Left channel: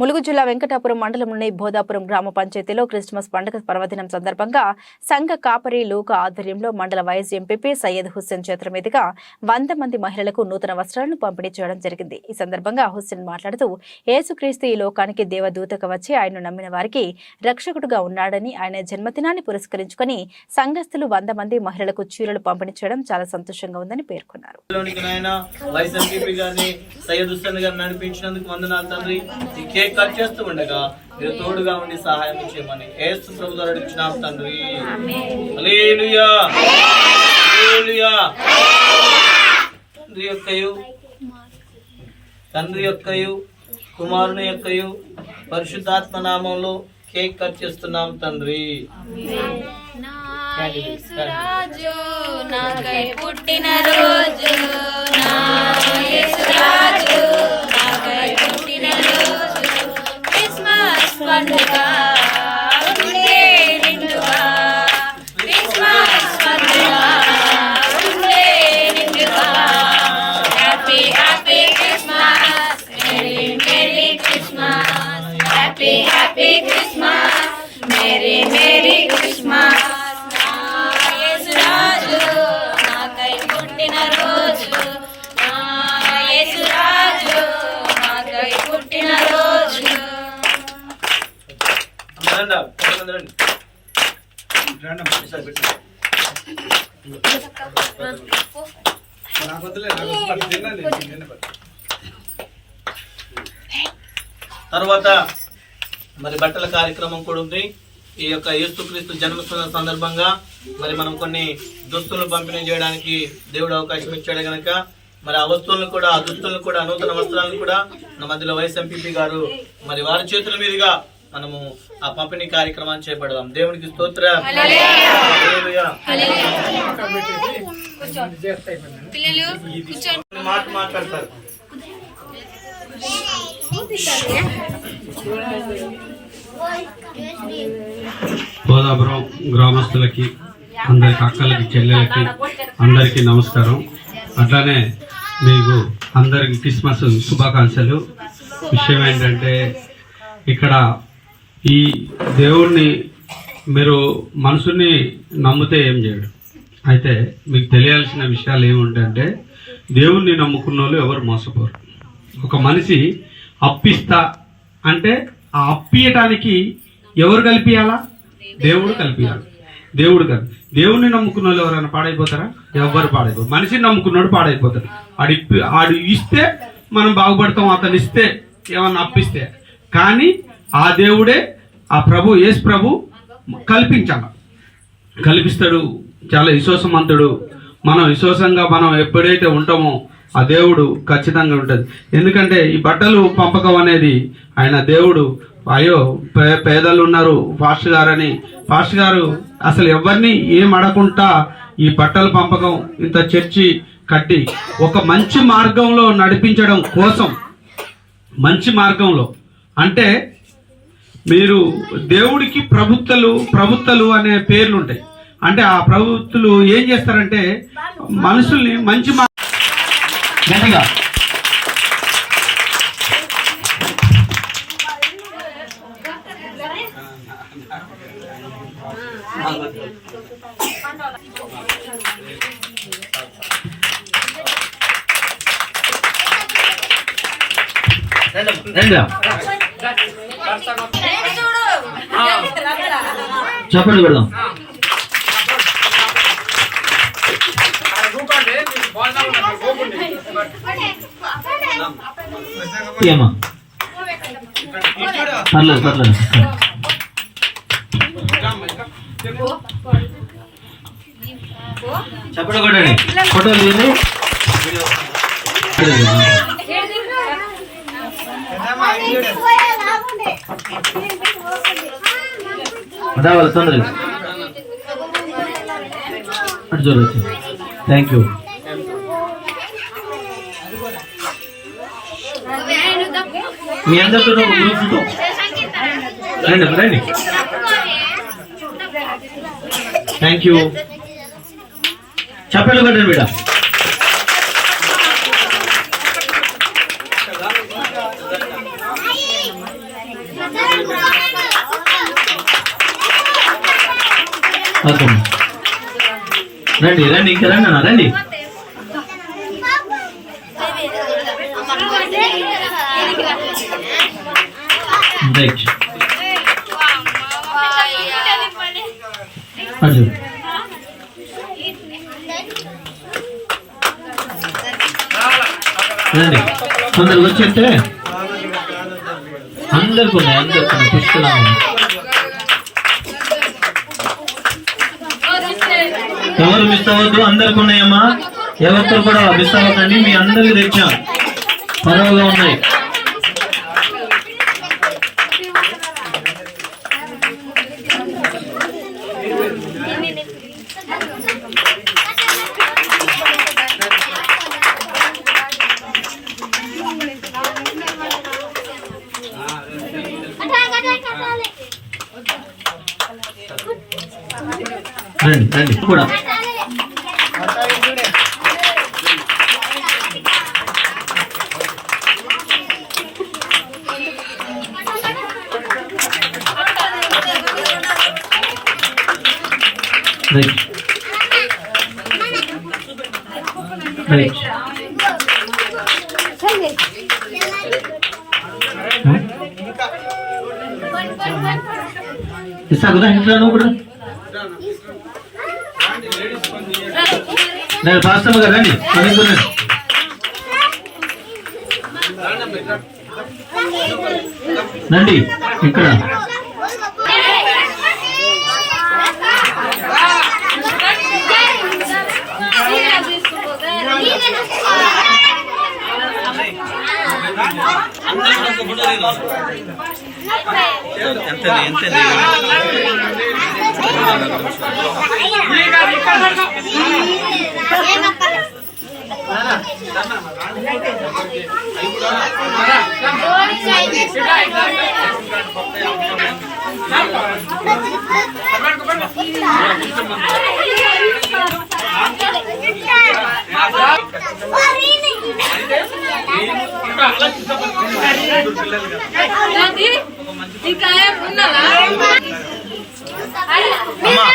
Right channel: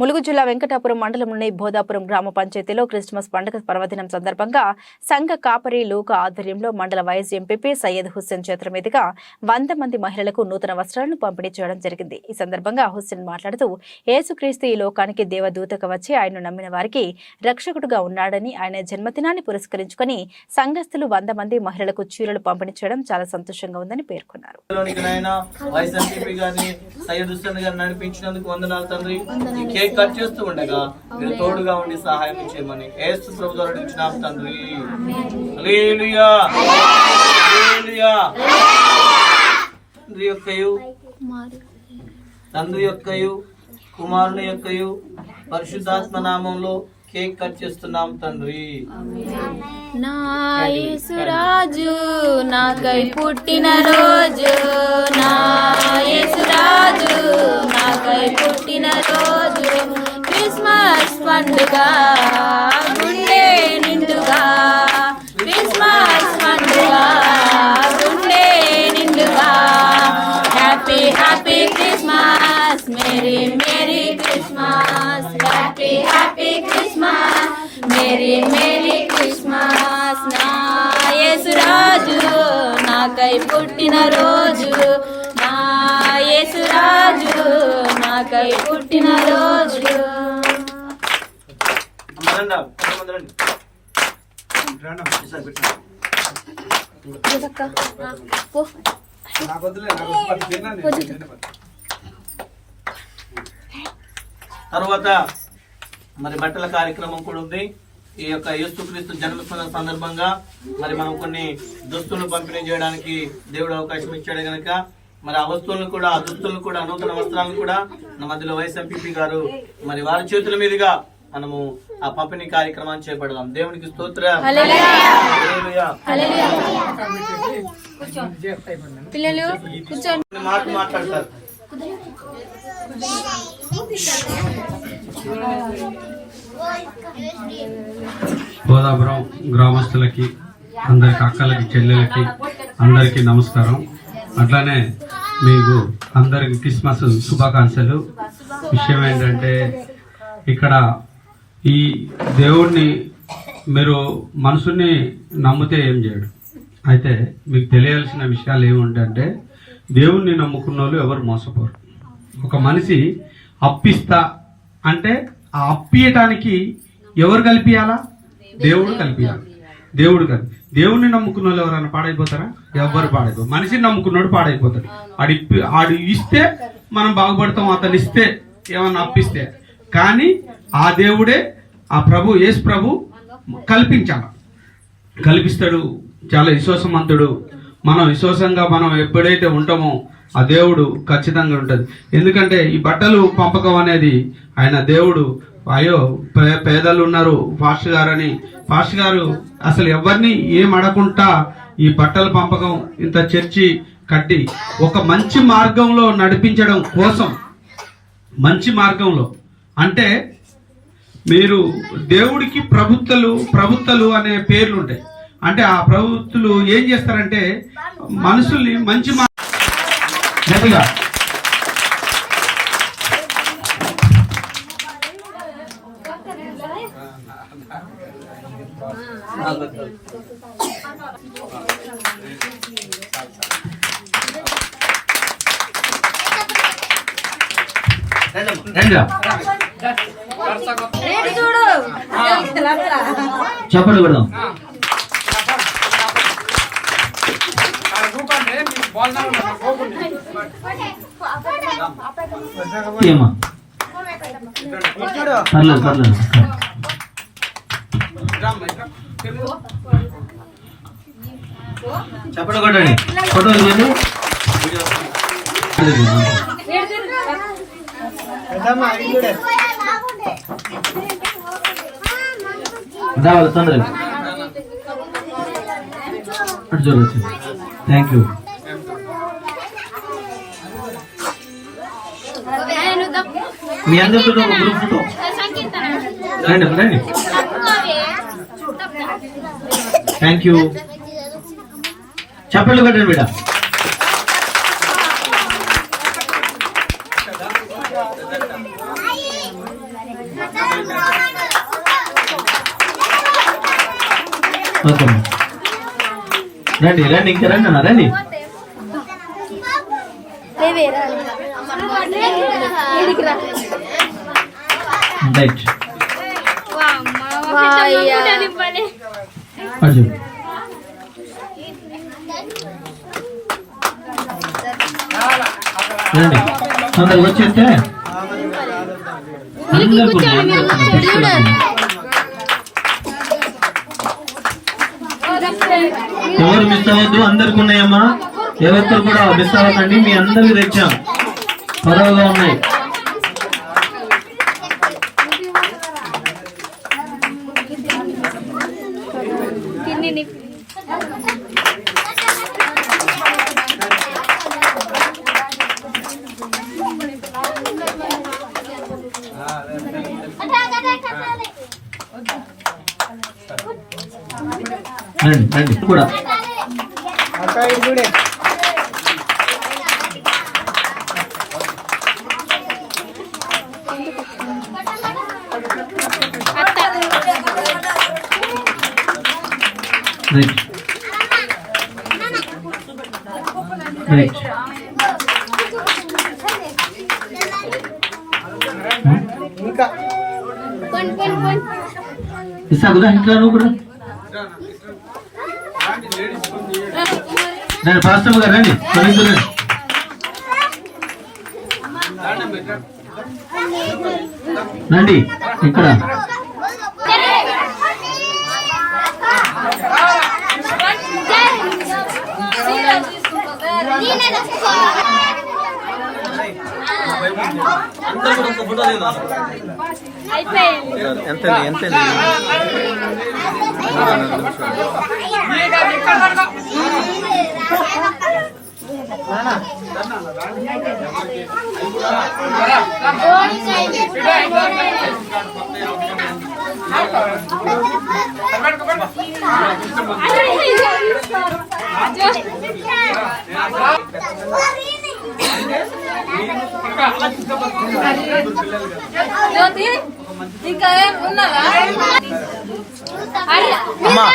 ములుగు జిల్లా వెంకటాపురం మండలంలోని బోధాపురం గ్రామ పంచాయతీలో క్రిస్మస్ పండుగ పర్వదినం సందర్భంగా సంఘ కాపరి లూక ఆధ్వర్యంలో మండల వైస్ ఎంపీపీ సయ్యద్ హుస్సేన్ చేతుల మీదుగా 100 మంది మహిళలకు నూతన వస్త్రాలను పంపిణీ చేయడం జరిగింది. ఈ సందర్భంగా హుస్సేన్ మాట్లాడుతూ యేసుక్రీస్తు ఈ లోకానికి దేవదూతగా వచ్చి ఆయన్ను నమ్మిన వారికి రక్షకుడుగా ఉన్నాడని, ఆయన జన్మదినాన్ని పురస్కరించుకొని సంఘస్థులు 100 మంది మహిళలకు చీరలు పంపిణీ చేయడం చాలా సంతోషంగా ఉందని పేర్కొన్నారు. కేక్ కట్ చేస్తూ ఉండగా మీరు తోడుగా ఉండి సహాయం చేయమని యేసు ప్రభు ద్వారా అడుగుచున్నాం తండ్రి. హల్లెలూయా హల్లెలూయా. తండ్రి యొక్కయు కుమారుని యొక్కయు పరిశుద్ధాత్మ నామంలో కేక్ కట్ చేస్తున్నాం తండ్రి. నా యేసురాజు నాకై పుట్టిన రోజు, నా యేసురాజు నాకై పుట్టిన రోజు, క్రిస్మస్ పండుగ ఉండే నిండుగా, క్రిస్మస్ పండుగ ఉండే నిండుగా. Happy happy Christmas, merry merry Christmas, happy happy Christmas, merry merry Christmas. నా యేసురాజు నాకై పుట్టిన రోజు, నా యేసురాజు నాకై పుట్టిన రోజు. తర్వాత మరి బట్టల కార్యక్రమం కూడా ఉంది. ఈ యొక్క యేసుక్రీస్తు జన్మదిన సందర్భంగా మరి మనం కొన్ని దుస్తులను పంపిణీ చేయడానికి దేవుడు అవకాశం ఇచ్చాడు కనుక మరి ఆ వస్తువులను కూడా, ఆ దుస్తులను కూడా, నూతన వస్త్రాలను కూడా మన మధ్యలో వైస్ ఎంపీపీ గారు మరి వారి చేతుల మీదుగా మనము ఆ పంపిణీ కార్యక్రమాన్ని చేపడదాం. దేవునికి స్తోత్రం. మాట మాట్లాడతారు. బోధాపురం గ్రామస్తులకి, అందరికి అక్కలకి, చెల్లెలకి అందరికీ నమస్కారం. అట్లానే మీకు అందరికి క్రిస్మస్ శుభాకాంక్షలు. విషయం ఏంటంటే, ఇక్కడ ఈ దేవుణ్ణి మీరు మనసుని నమ్మితే ఏం చేయడు. అయితే మీకు తెలియాల్సిన విషయాలు ఏముంటాయంటే, దేవుణ్ణి నమ్ముకున్న వాళ్ళు ఎవరు మోసపోరు. ఒక మనిషి అప్పిస్తా అంటే ఆ అప్పియటానికి ఎవరు కలిపియాలా? దేవుడు కలిపియాలి. దేవుడిని నమ్ముకున్న వాళ్ళు ఎవరైనా పాడైపోతారా? ఎవరు పాడైపోరు. మనిషిని నమ్ముకున్నాడు పాడైపోతాడు. ఆడు ఇస్తే మనం బాగుపడతాం, అతను ఇస్తే ఏమన్నా అప్పిస్తే. కానీ ఆ దేవుడే, ఆ ప్రభు, యేసు ప్రభు కల్పిస్తాడు. చాలా విశ్వాసవంతుడు. మనం విశ్వాసంగా మనం ఎప్పుడైతే ఉంటామో ఆ దేవుడు ఖచ్చితంగా ఉంటుంది. ఎందుకంటే ఈ బట్టలు పంపకం అనేది ఆయన దేవుడు, అయ్యో పేదలు ఉన్నారు పాస్టర్ గారని, పాస్టర్ గారు అసలు ఎవరిని ఏం అడగకుండా ఈ బట్టల పంపకం ఇంత చర్చి కట్టి ఒక మంచి మార్గంలో నడిపించడం కోసం, మంచి మార్గంలో అంటే మీరు దేవుడికి ప్రభుత్వలు అనే పేర్లు ఉంటాయి. అంటే ఆ ప్రభుత్వలు ఏం చేస్తారంటే మనుషుల్ని మంచి గట్టిగా చెప్పండి కొడదాం. పర్లేదు. చెప్పండి కొట్టండి. ఫోటో తీయండి. వాళ్ళు తొందరగా అటు చూడవచ్చు. Thank you. మీ అందరితో గ్రూప్ ఫోటో రండి. Thank you. చప్పట్లు కొట్టండి బిడ్డ. ఓకే రండి రండి ఇంకా రండి అన్న రండి. రైట్ అర్జున్ రండి అందరు వచ్చేస్తే అందరికి ఉన్నాయి తీసుకున్నాము. ఎవరు మిస్ అవ్వద్దు, అందరికి ఉన్నాయమ్మా. ఎవరితో కూడా మిస్ అవ్వకండి, మీ అందరికి తెచ్చాం, పదవుగా ఉన్నాయి. రండి రండి కూడా రైట్ రైట్ ఇస్తాకుదా ఇంట్లో నువ్వు కూడా నేను పాస్టమ్మ గారు రండి రండి ఇక్కడ ఎంత ఎంత అమ్మా